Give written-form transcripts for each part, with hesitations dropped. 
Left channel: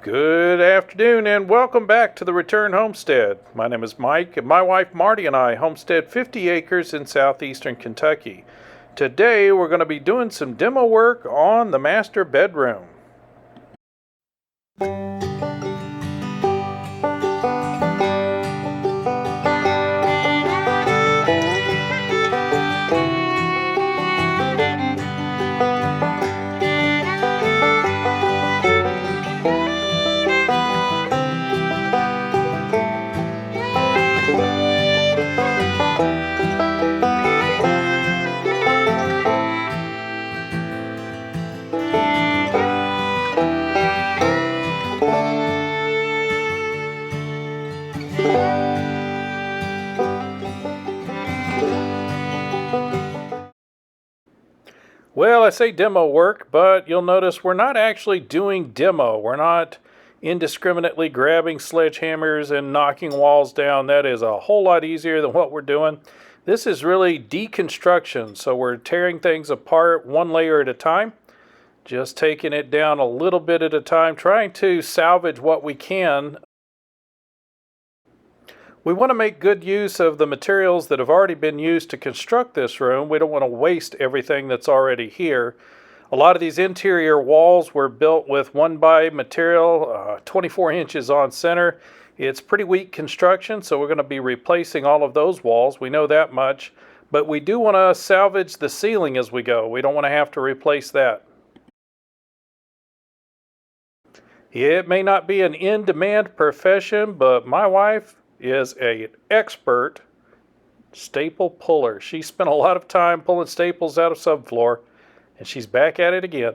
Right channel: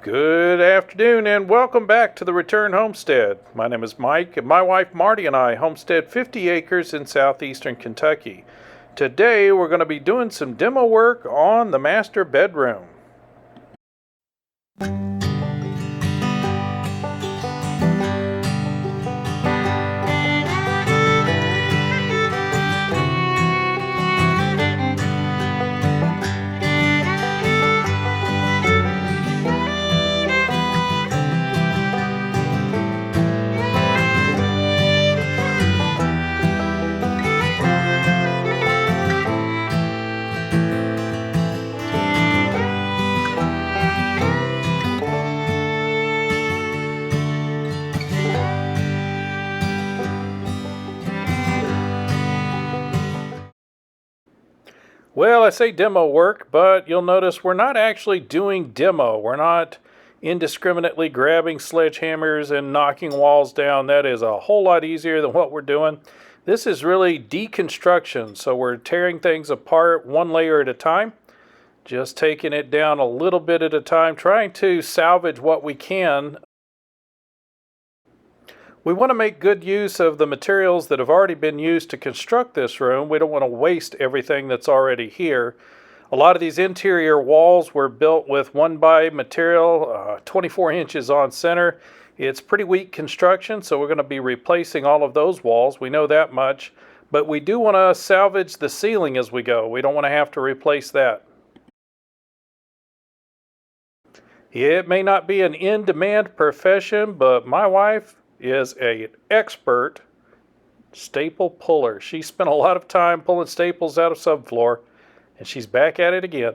Good afternoon and welcome back to the Return Homestead. My name is Mike and my wife Marty and I homestead 50 acres in southeastern Kentucky. Today we're going to be doing some demo work on the master bedroom. Well, I say demo work, but you'll notice we're not actually doing demo. We're not indiscriminately grabbing sledgehammers and knocking walls down. That is a whole lot easier than what we're doing. This is really deconstruction, so we're tearing things apart one layer at a time, just taking it down a little bit at a time, trying to salvage what we can. We want to make good use of the materials that have already been used to construct this room. We don't want to waste everything that's already here. A lot of these interior walls were built with 1x material, 24 inches on center. It's pretty weak construction, so we're going to be replacing all of those walls. We know that much, but we do want to salvage the ceiling as we go. We don't want to have to replace that. It may not be an in-demand profession, but my wife is an expert staple puller. She spent a lot of time pulling staples out of subfloor, and she's back at it again.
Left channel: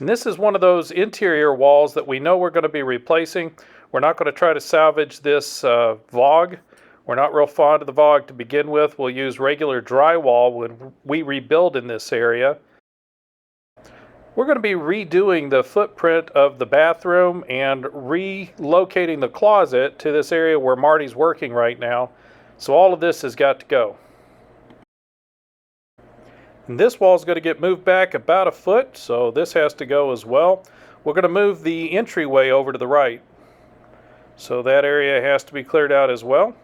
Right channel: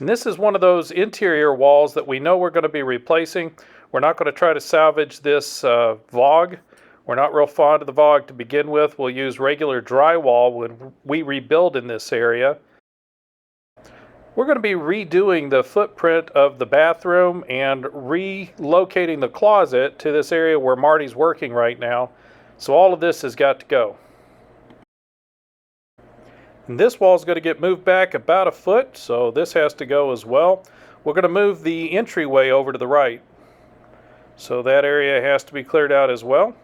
And this is one of those interior walls that we know we're going to be replacing. We're not going to try to salvage this VOG. We're not real fond of the VOG to begin with. We'll use regular drywall when we rebuild in this area. We're going to be redoing the footprint of the bathroom and relocating the closet to this area where Marty's working right now. So all of this has got to go. And this wall is going to get moved back about a foot, so this has to go as well. We're going to move the entryway over to the right. So that area has to be cleared out as well.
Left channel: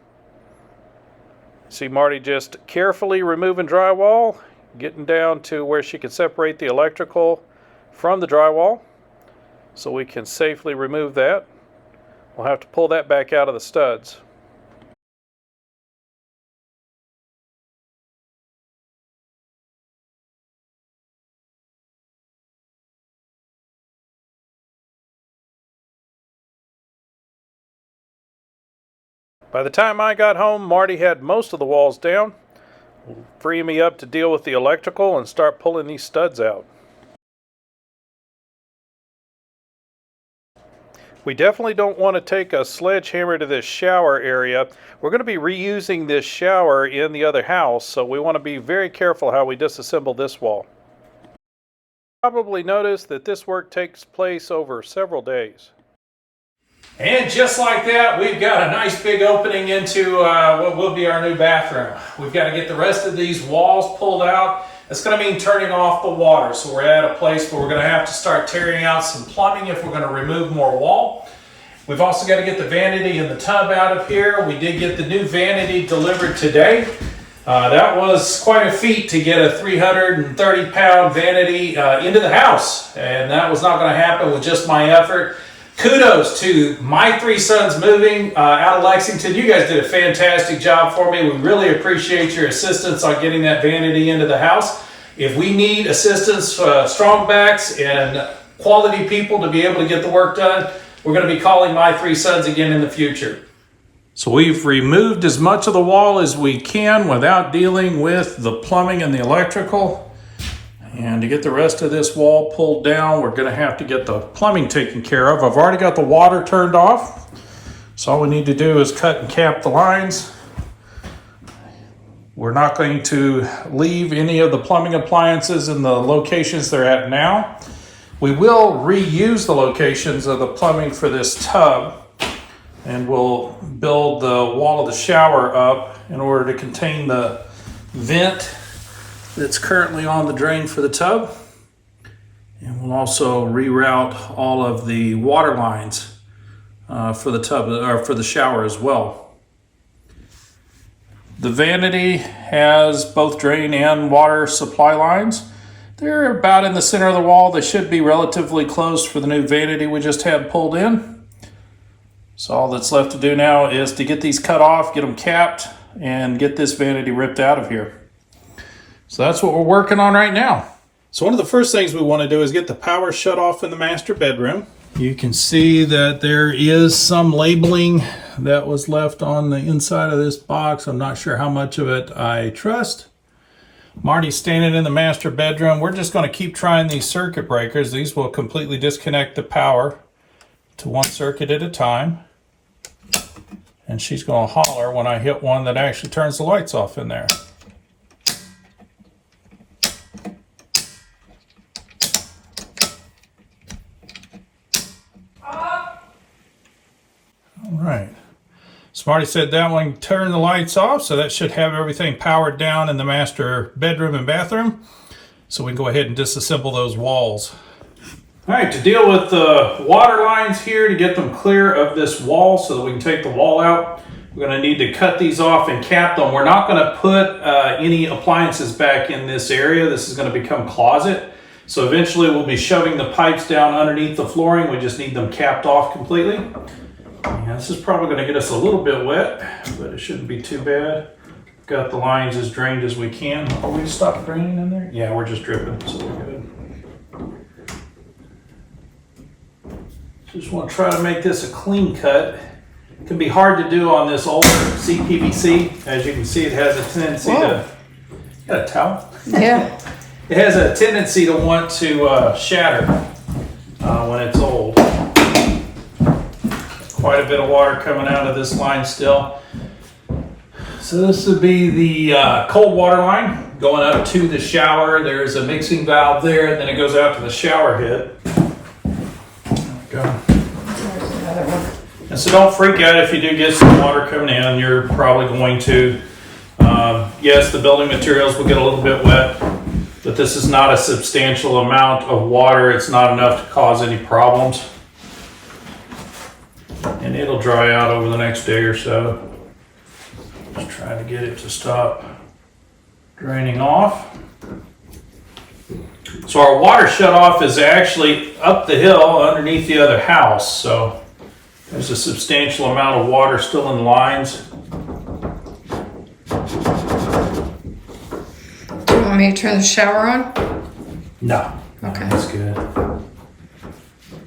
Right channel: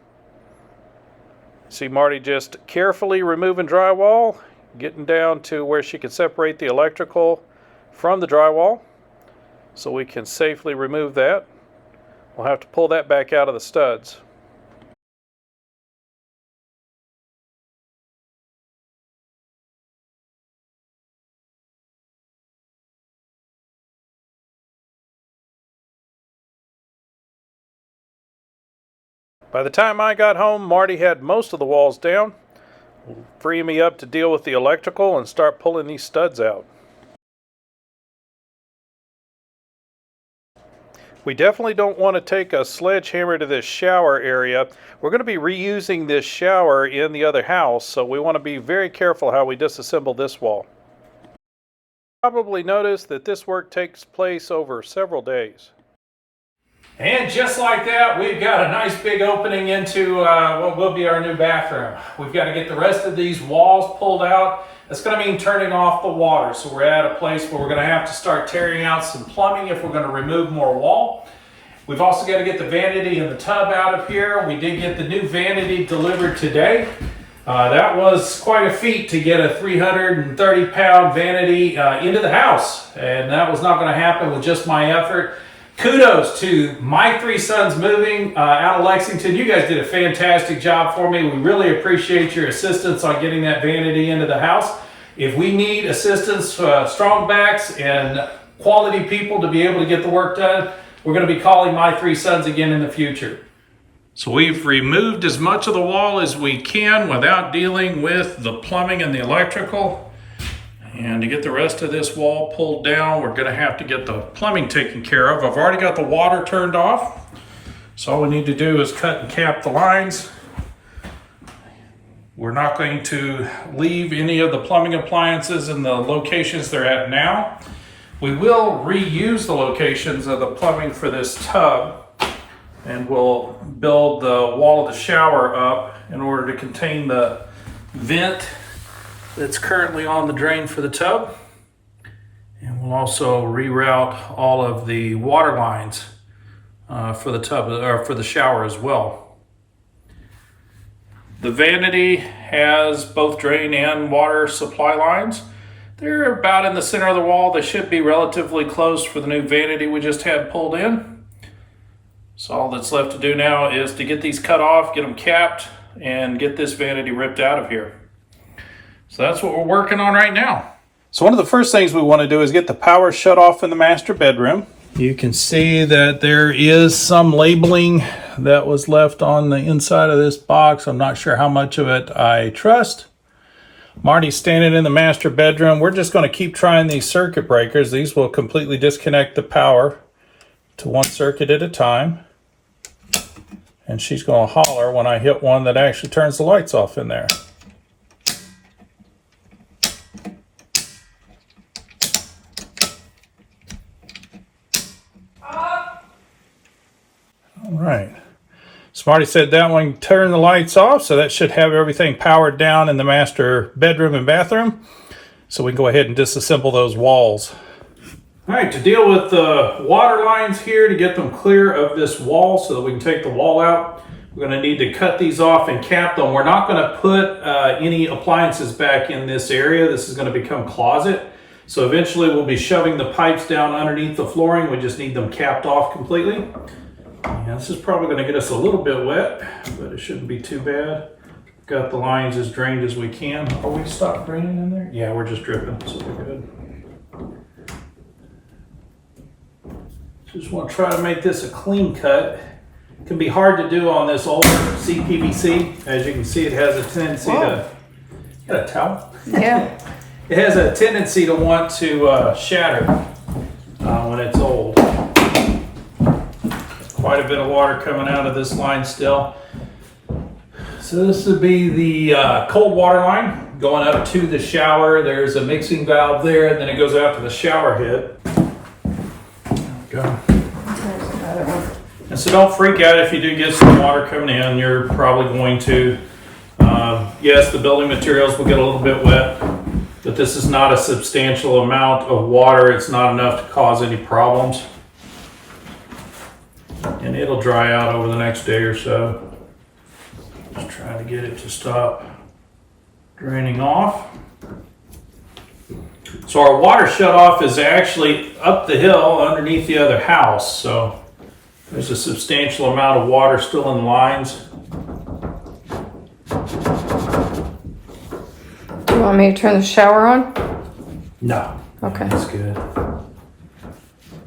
See Marty just carefully removing drywall, getting down to where she can separate the electrical from the drywall, so we can safely remove that. We'll have to pull that back out of the studs. By the time I got home, Marty had most of the walls down, freeing me up to deal with the electrical and start pulling these studs out. We definitely don't want to take a sledgehammer to this shower area. We're going to be reusing this shower in the other house, so we want to be very careful how we disassemble this wall. Probably notice that this work takes place over several days. And just like that, we've got a nice big opening into what will be our new bathroom. We've got to get the rest of these walls pulled out. It's going to mean turning off the water, so we're at a place where we're going to have to start tearing out some plumbing if we're going to remove more wall. We've also got to get the vanity and the tub out of here. We did get the new vanity delivered today. That was quite a feat to get a 330-pound vanity into the house, and that was not going to happen with just my effort. Kudos to my three sons moving out of Lexington. You guys did a fantastic job for me. We really appreciate your assistance on getting that vanity into the house. If we need assistance, strong backs and quality people to be able to get the work done, we're going to be calling my three sons again in the future. So we've removed as much of the wall as we can without dealing with the plumbing and the electrical. And to get the rest of this wall pulled down, we're going to have to get the plumbing taken care of. I've already got the water turned off, so all we need to do is cut and cap the lines. We're not going to leave any of the plumbing appliances in the locations they're at now. We will reuse the locations of the plumbing for this tub, and we'll build the wall of the shower up in order to contain the vent that's currently on the drain for the tub. And we'll also reroute all of the water lines for the tub or for the shower as well. The vanity has both drain and water supply lines. They're about in the center of the wall. They should be relatively close for the new vanity we just had pulled in. So all that's left to do now is to get these cut off, get them capped, and get this vanity ripped out of here. So that's what we're working on right now. So one of the first things we want to do is get the power shut off in the master bedroom. You can see that there is some labeling that was left on the inside of this box. I'm not sure how much of it I trust. Marty's standing in the master bedroom. We're just going to keep trying these circuit breakers. These will completely disconnect the power to one circuit at a time. And she's going to holler when I hit one that actually turns the lights off in there. Right. Smarty said that one turned the lights off, so that should have everything powered down in the master bedroom and bathroom. So we can go ahead and disassemble those walls. All right, to deal with the water lines here, to get them clear of this wall so that we can take the wall out, we're going to need to cut these off and cap them. We're not going to put any appliances back in this area. This is going to become closet. So eventually we'll be shoving the pipes down underneath the flooring. We just need them capped off completely. Yeah, this is probably going to get us a little bit wet, but it shouldn't be too bad. Got the lines as drained as we can. Are we stopped draining in there? Yeah, we're just dripping, so we're good. Just want to try to make this a clean cut. It can be hard to do on this older CPVC. As you can see, it has a tendency to... You got a towel? Yeah. It has a tendency to want to shatter when it's old. Quite a bit of water coming out of this line still. So this would be the cold water line going up to the shower. There's a mixing valve there, and then it goes out to the shower head. There we go. There's another one. And so don't freak out if you do get some water coming in. You're probably going to, yes, the building materials will get a little bit wet, but this is not a substantial amount of water. It's not enough to cause any problems. And it'll dry out over the next day or so. Just trying to get it to stop draining off. So our water shutoff is actually up the hill underneath the other house. So there's a substantial amount of water still in the lines. Do you want me to turn the shower on? No. Okay. That's good.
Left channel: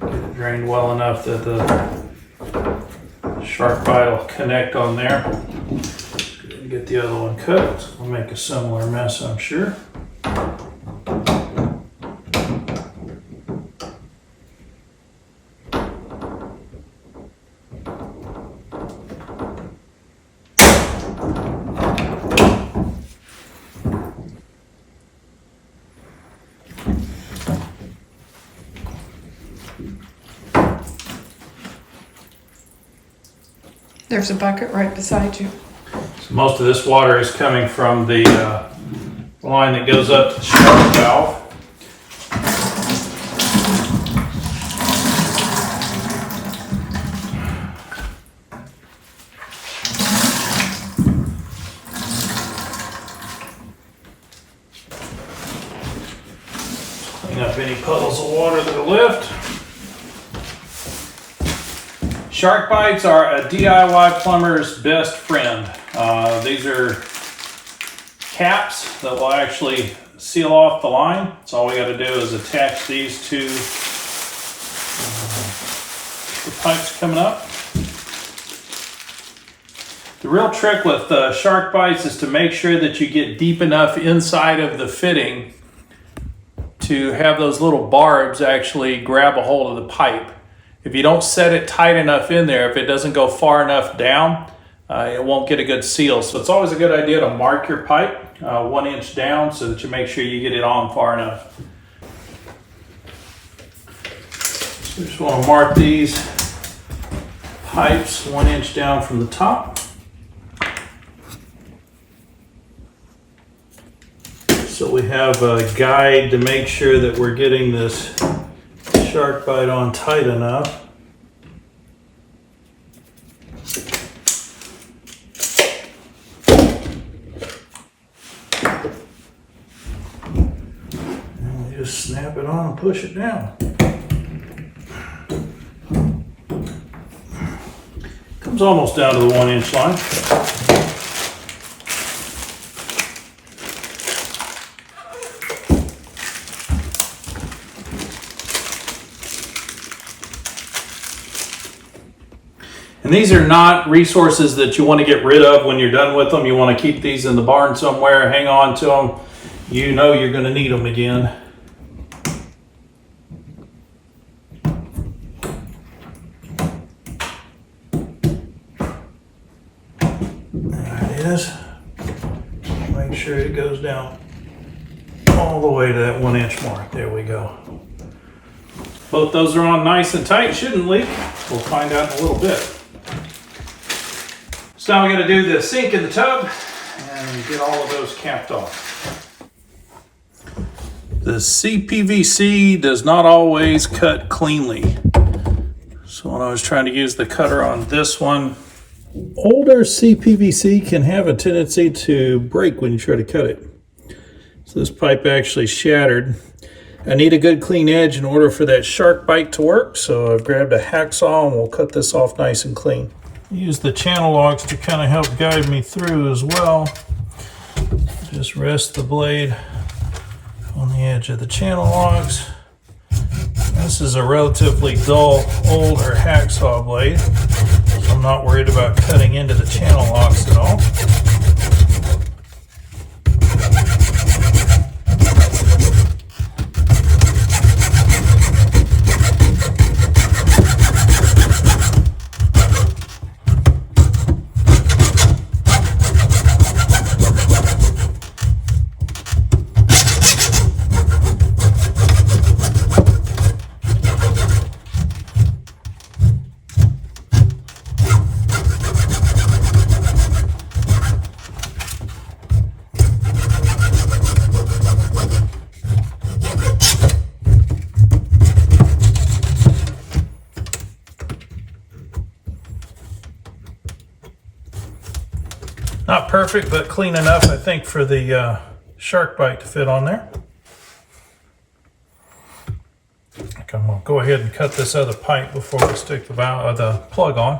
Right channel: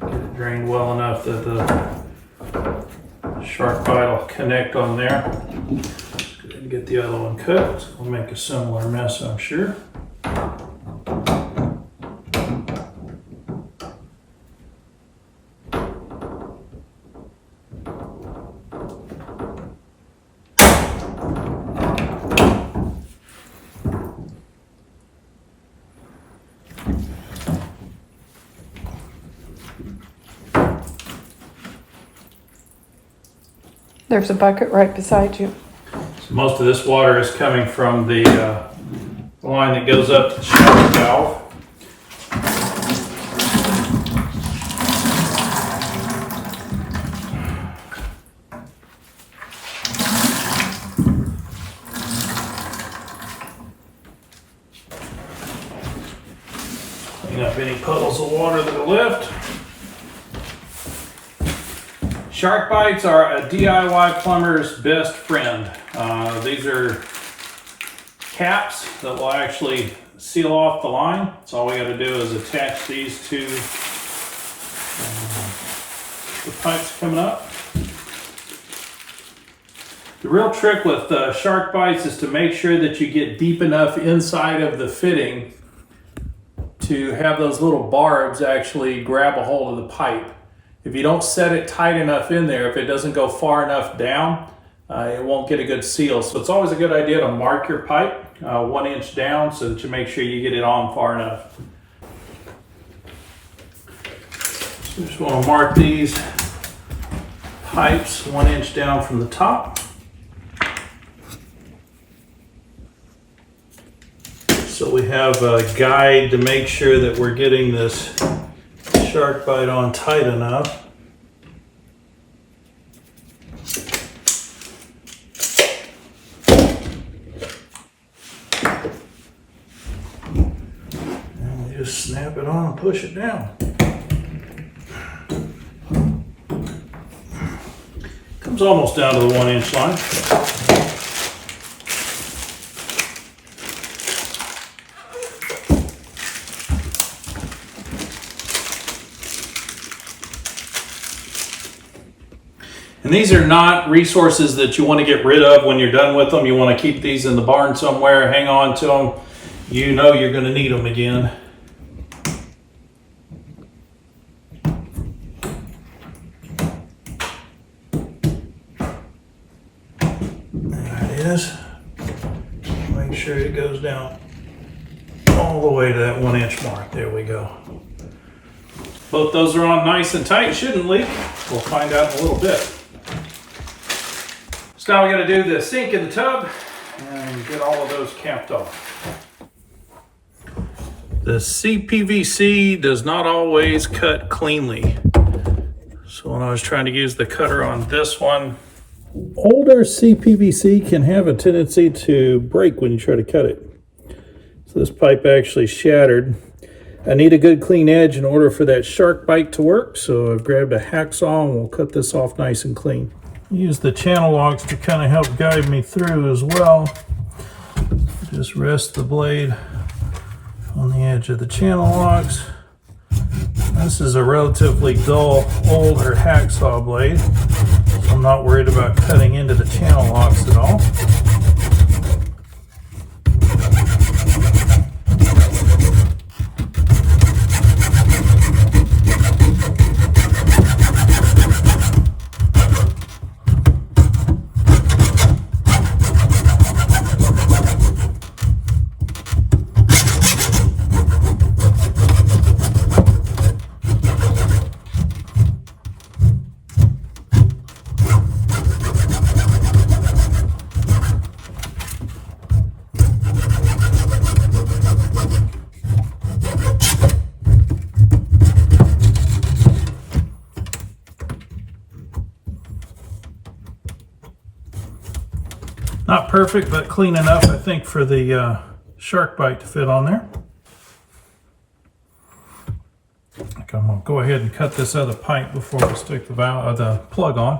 Get it drained well enough that the shark bite will connect on there. Go ahead and get the other one cut. We'll make a similar mess, I'm sure. There's a bucket right beside you. So most of this water is coming from the line that goes up to the shower valve. Clean up any puddles of water that are left. Shark bites are a DIY plumber's best friend. These are caps that will actually seal off the line. So all we got to do is attach these to the pipes coming up. The real trick with shark bites is to make sure that you get deep enough inside of the fitting to have those little barbs actually grab a hold of the pipe. If you don't set it tight enough in there, if it doesn't go far enough down, it won't get a good seal. So it's always a good idea to mark your pipe 1 inch down so that you make sure you get it on far enough. So we just want to mark these pipes 1 inch down from the top. So we have a guide to make sure that we're getting this shark bite on tight enough. And we just snap it on and push it down. Comes almost down to the 1 inch line. And these are not resources that you want to get rid of when you're done with them. You want to keep these in the barn somewhere, hang on to them. You know you're going to need them again. There it is. Make sure it goes down all the way to that 1 inch mark. There we go. Both those are on nice and tight. Shouldn't leak. We'll find out in a little bit. So now we're going to do the sink in the tub and get all of those capped off. The CPVC does not always cut cleanly. So when I was trying to use the cutter on this one, older CPVC can have a tendency to break when you try to cut it. So this pipe actually shattered. I need a good clean edge in order for that shark bite to work. So I've grabbed a hacksaw and we'll cut this off nice and clean. Use the channel locks to kind of help guide me through as well. Just rest the blade on the edge of the channel locks. This is a relatively dull, older hacksaw blade, so I'm not worried about cutting into the channel locks at all. Not perfect, but clean enough, I think, for the shark bite to fit on there. I'm going to go ahead and cut this other pipe before we stick the plug on.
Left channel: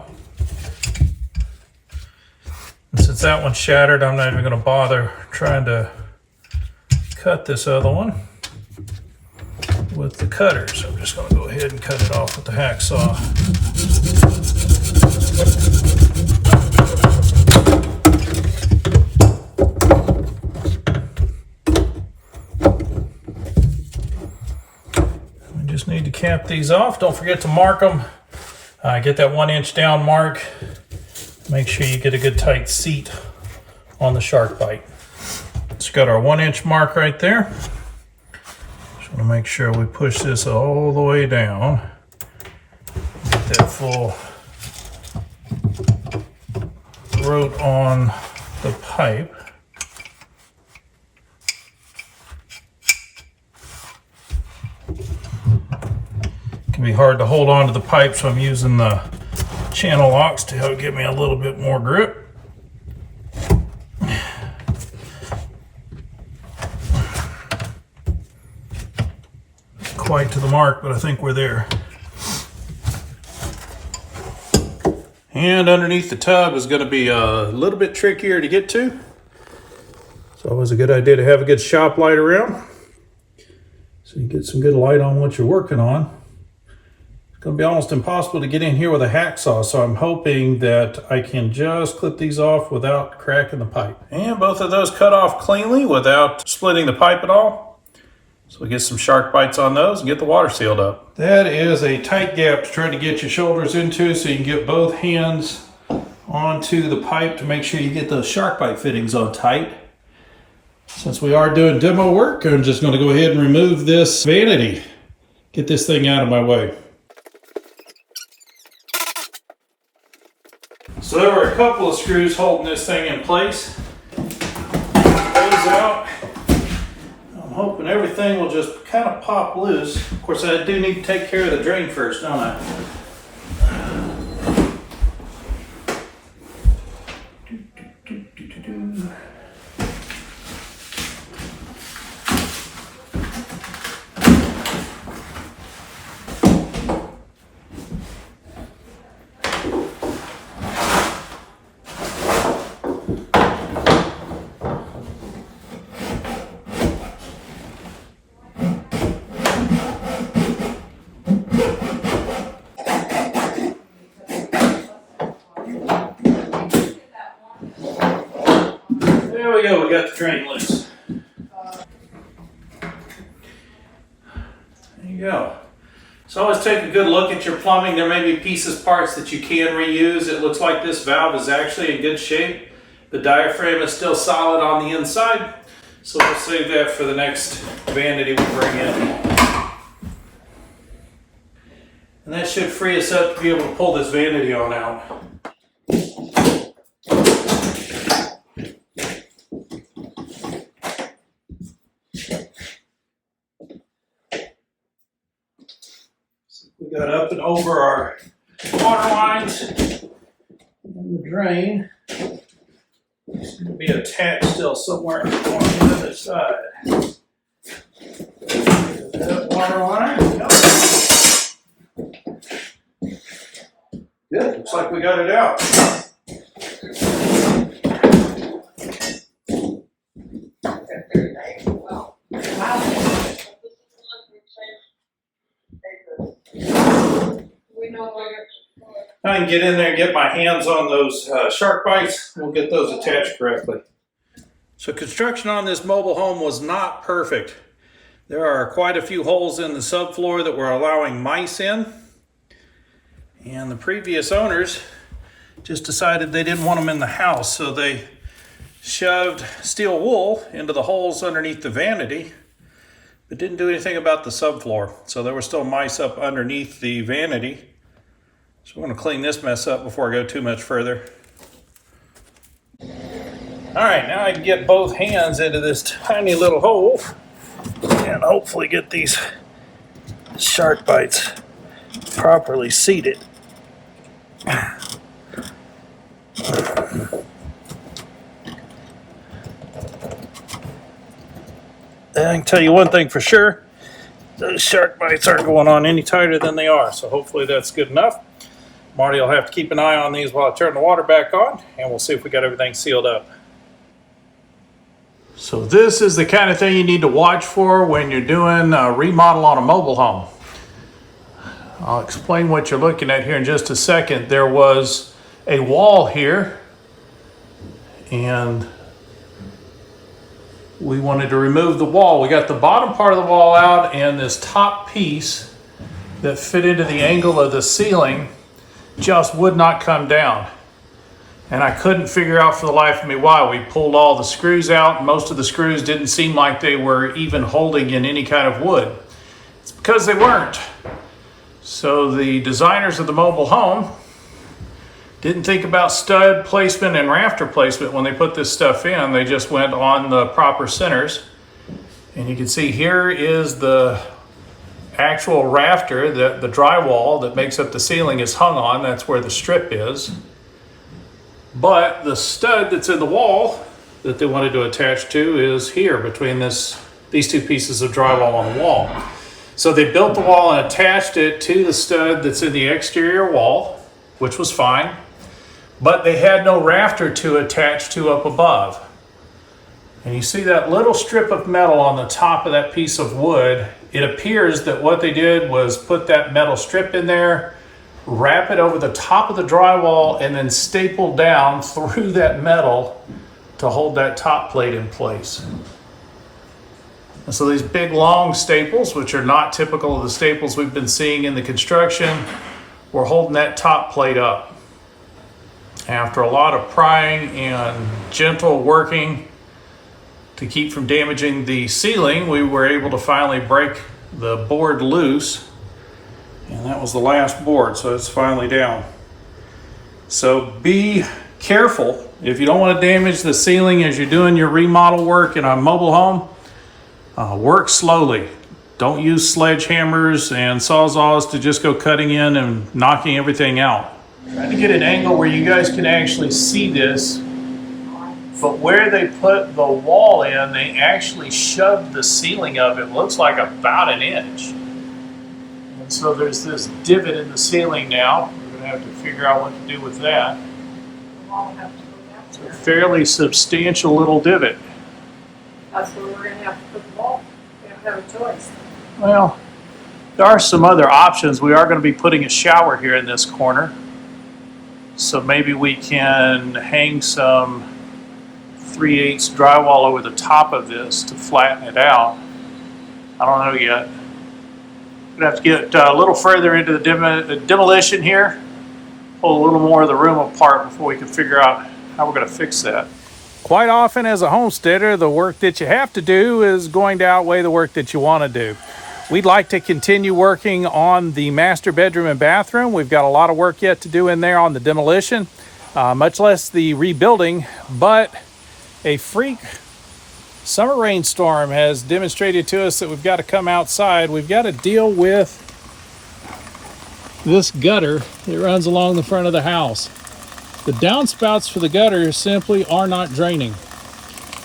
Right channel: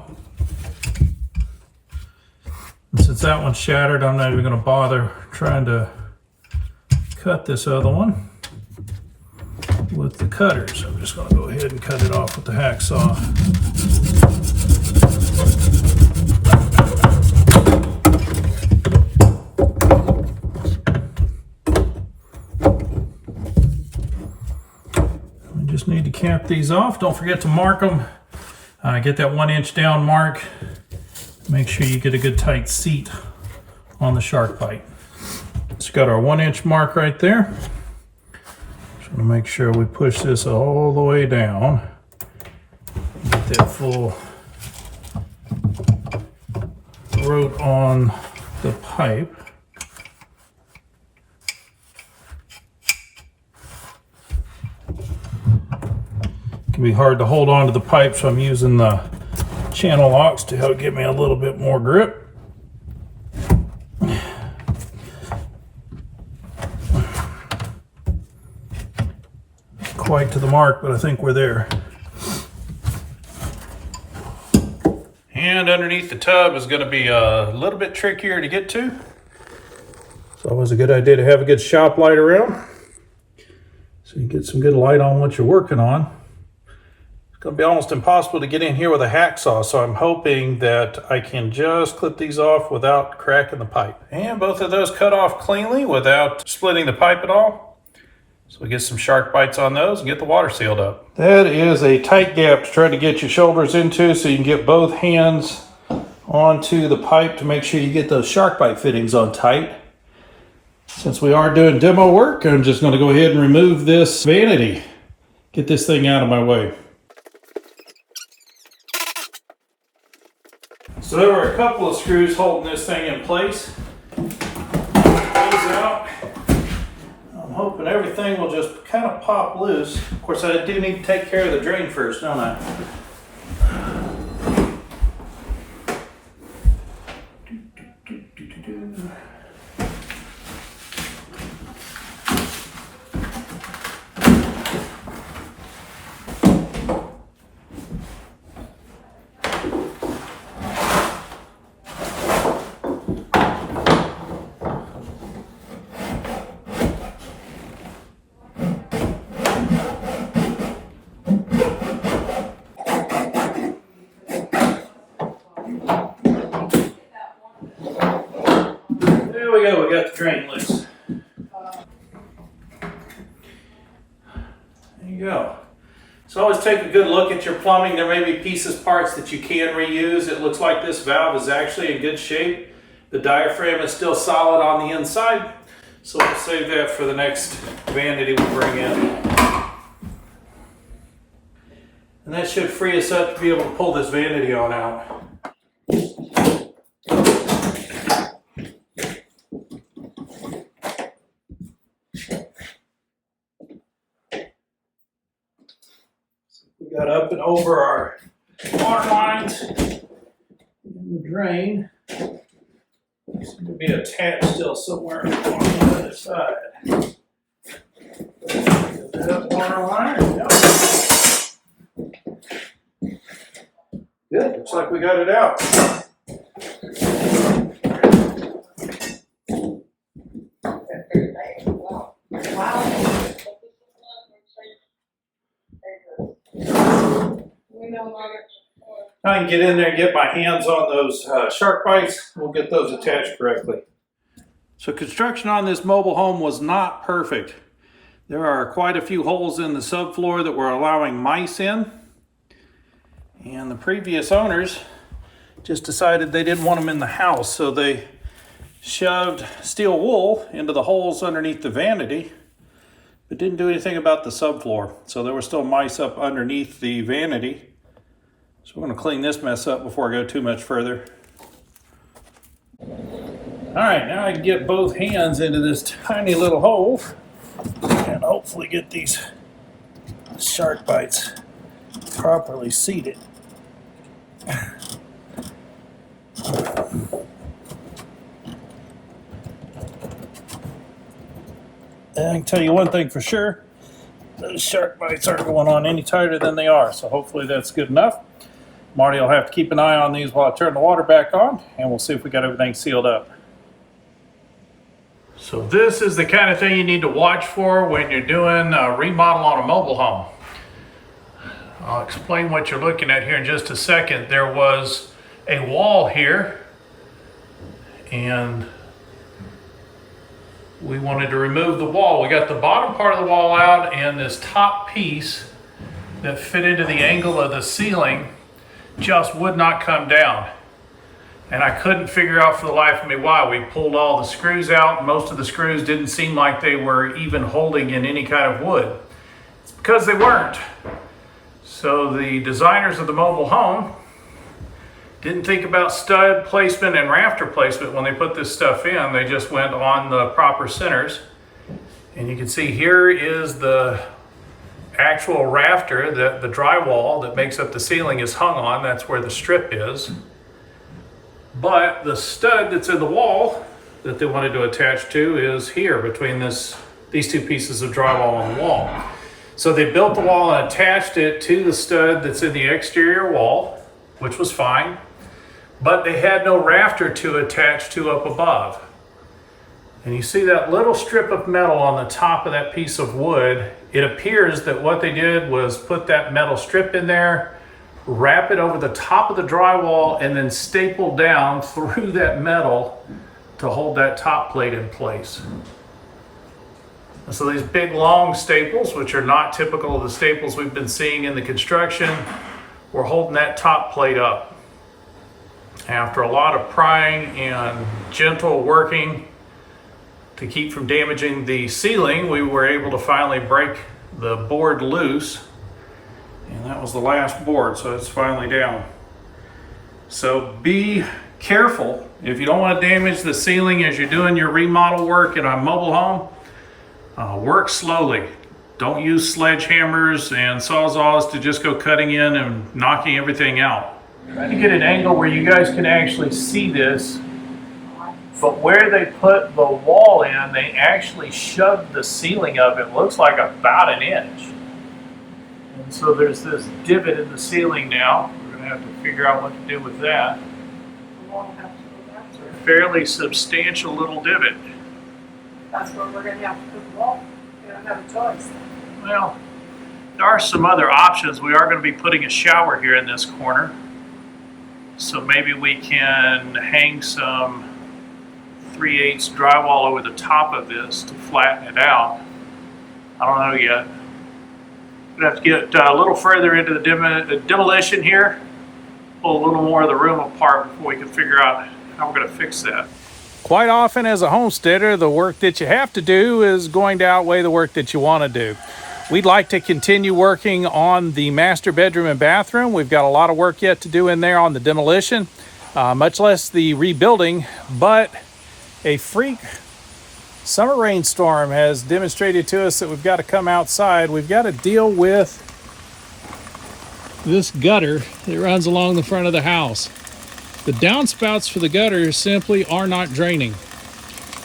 And since that one's shattered, I'm not even going to bother trying to cut this other one with the cutter. So I'm just going to go ahead and cut it off with the hacksaw. Just need to cap these off. Don't forget to mark them. Get that 1 inch down mark. Make sure you get a good tight seat on the shark bite. It's got our 1 inch mark right there. Just want to make sure we push this all the way down. Get that full root on the pipe. It can be hard to hold on to the pipe, so I'm using the channel locks to help give me a little bit more grip. Quite to the mark, but I think we're there. And underneath the tub is going to be a little bit trickier to get to. It's always a good idea to have a good shop light around, so you get some good light on what you're working on. Going to be almost impossible to get in here with a hacksaw, so I'm hoping that I can just clip these off without cracking the pipe. And both of those cut off cleanly without splitting the pipe at all. So we get some shark bites on those and get the water sealed up. That is a tight gap to try to get your shoulders into, so you can get both hands onto the pipe to make sure you get those shark bite fittings on tight. Since we are doing demo work, I'm just going to go ahead and remove this vanity. Get this thing out of my way. So there were a couple of screws holding this thing in place. Those out. hoping everything will just kind of pop loose. Of course, I do need to take care of the drain first, don't I? There we go, we got the drain loose. There you go. So always take a good look at your plumbing. There may be pieces, parts that you can reuse. It looks like this valve is actually in good shape. The diaphragm is still solid on the inside. So we'll save that for the next vanity we bring in. And that should free us up to be able to pull this vanity on out. We got up and over our water lines and the drain. Seems to be attached still somewhere on the other side. That water line. Yep. Good. Looks like we got it out. I can get in there and get my hands on those shark bites. We'll get those attached correctly. So construction on this mobile home was not perfect. There are quite a few holes in the subfloor that were allowing mice in. And the previous owners just decided they didn't want them in the house. So they shoved steel wool into the holes underneath the vanity, but didn't do anything about the subfloor. So there were still mice up underneath the vanity. So we're going to clean this mess up before I go too much further. All right, now I can get both hands into this tiny little hole and hopefully get these shark bites properly seated. I can tell you one thing for sure, those shark bites aren't going on any tighter than they are, so hopefully that's good enough. Marty will have to keep an eye on these while I turn the water back on, and we'll see if we got everything sealed up. So this is the kind of thing you need to watch for when you're doing a remodel on a mobile home. I'll explain what you're looking at here in just a second. There was a wall here, and we wanted to remove the wall. We got the bottom part of the wall out, and this top piece that fit into the angle of the ceiling just would not come down. And I couldn't figure out for the life of me why. We pulled all the screws out. Most of the screws didn't seem like they were even holding in any kind of wood. It's because they weren't. So the designers of the mobile home didn't think about stud placement and rafter placement when they put this stuff in. They just went on the proper centers. And you can see here is the actual rafter, the drywall that makes up the ceiling is hung on. That's where the strip is. But the stud that's in the wall that they wanted to attach to is here between these two pieces of drywall on the wall. So they built the wall and attached it to the stud that's in the exterior wall, which was fine, but they had no rafter to attach to up above. And you see that little strip of metal on the top of that piece of wood. It appears that what they did was put that metal strip in there, wrap it over the top of the drywall, and then staple down through that metal to hold that top plate in place. And so these big long staples, which are not typical of the staples we've been seeing in the construction, were holding that top plate up. After a lot of prying and gentle working to keep from damaging the ceiling, we were able to finally break the board loose. And that was the last board, so it's finally down. So be careful. If you don't want to damage the ceiling as you're doing your remodel work in a mobile home, Work slowly. Don't use sledgehammers and sawzalls to just go cutting in and knocking everything out. Trying to get an angle where you guys can actually see this, but where they put the wall in, they actually shoved the ceiling of it, looks like about an inch. And so there's this divot in the ceiling now. We're going to have to figure out what to do with that. It's a fairly substantial little divot. That's where we're going to have to put the wall. We don't have a choice. Well, there are some other options. We are going to be putting a shower here in this corner. So maybe we can hang some 3/8 drywall over the top of this to flatten it out. I don't know yet. We're going to have to get a little further into the demolition here. Pull a little more of the room apart before we can figure out how we're going to fix that. Quite often as a homesteader, the work that you have to do is going to outweigh the work that you want to do. We'd like to continue working on the master bedroom and bathroom. We've got a lot of work yet to do in there on the demolition, much less the rebuilding, but a freak summer rainstorm has demonstrated to us that we've got to come outside. We've got to deal with this gutter that runs along the front of the house. The downspouts for the gutter simply are not draining.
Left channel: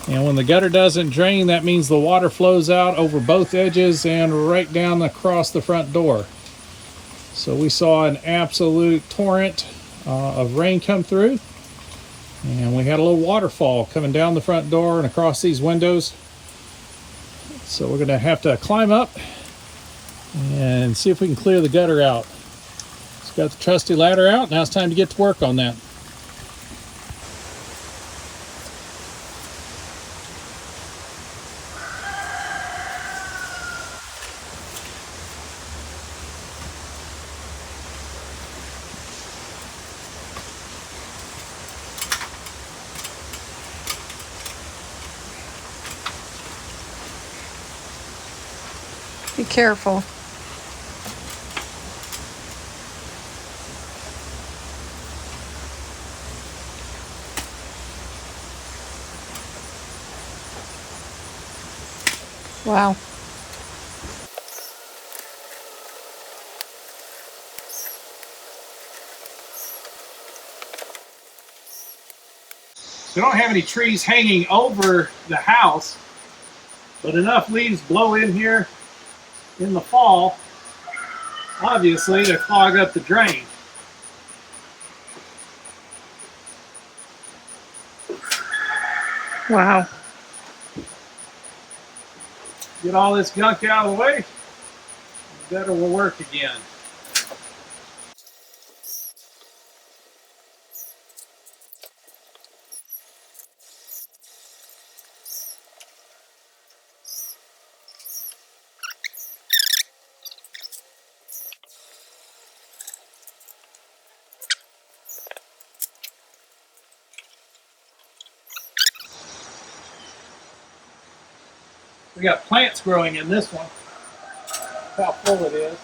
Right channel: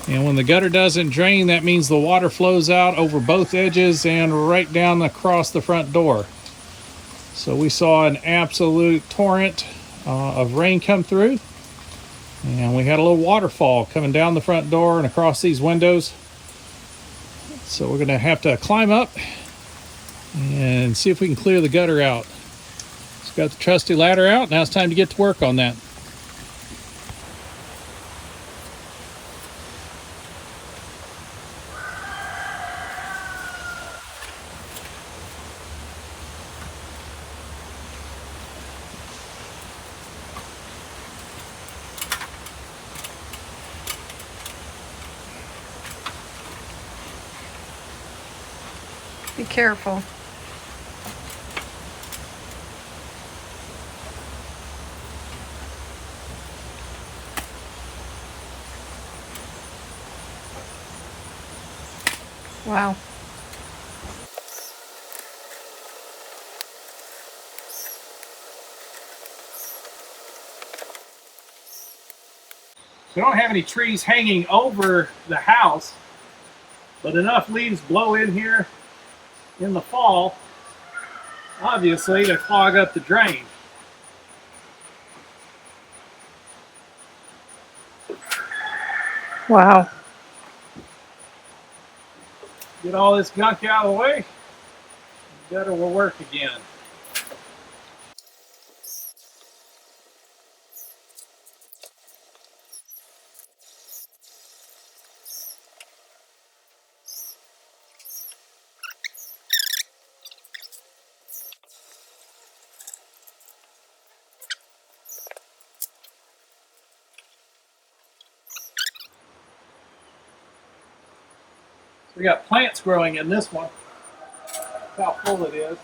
And when the gutter doesn't drain, that means the water flows out over both edges and right down across the front door. So we saw an absolute torrent of rain come through. And we had a little waterfall coming down the front door and across these windows. So we're going to have to climb up and see if we can clear the gutter out. Just got the trusty ladder out. Now it's time to get to work on that. Be careful. Wow. We don't have any trees hanging over the house, but enough leaves blow in here in the fall, obviously, to clog up the drain. Wow. Get all this gunk out of the way, the gutter will work again. We got plants growing in this one. That's how full it is.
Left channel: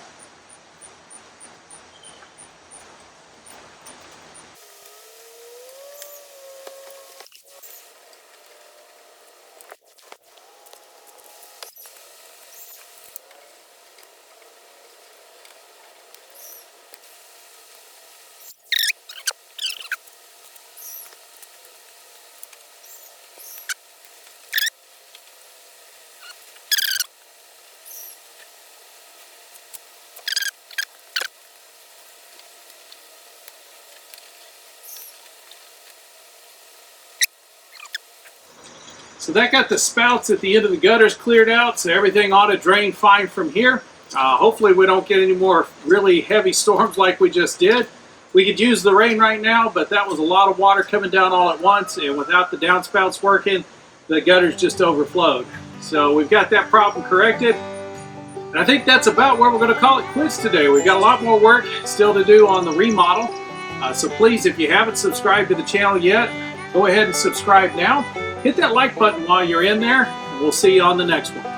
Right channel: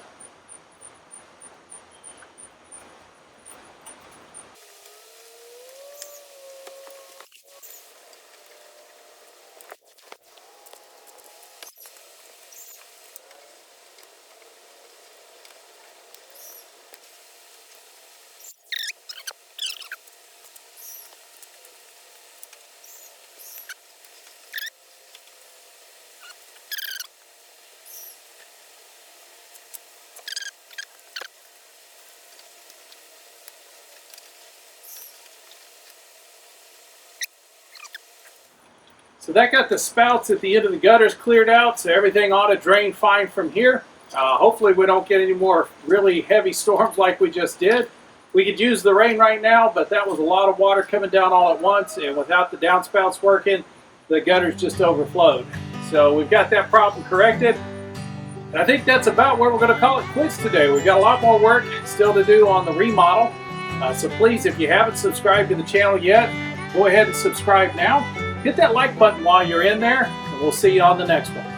So that got the spouts at the end of the gutters cleared out, so everything ought to drain fine from here. Hopefully we don't get any more really heavy storms like we just did. We could use the rain right now, but that was a lot of water coming down all at once, and without the downspouts working, the gutters just overflowed. So we've got that problem corrected. And I think that's about where we're going to call it quits today. We've got a lot more work still to do on the remodel. So please, if you haven't subscribed to the channel yet, go ahead and subscribe now. Hit that like button while you're in there, and we'll see you on the next one.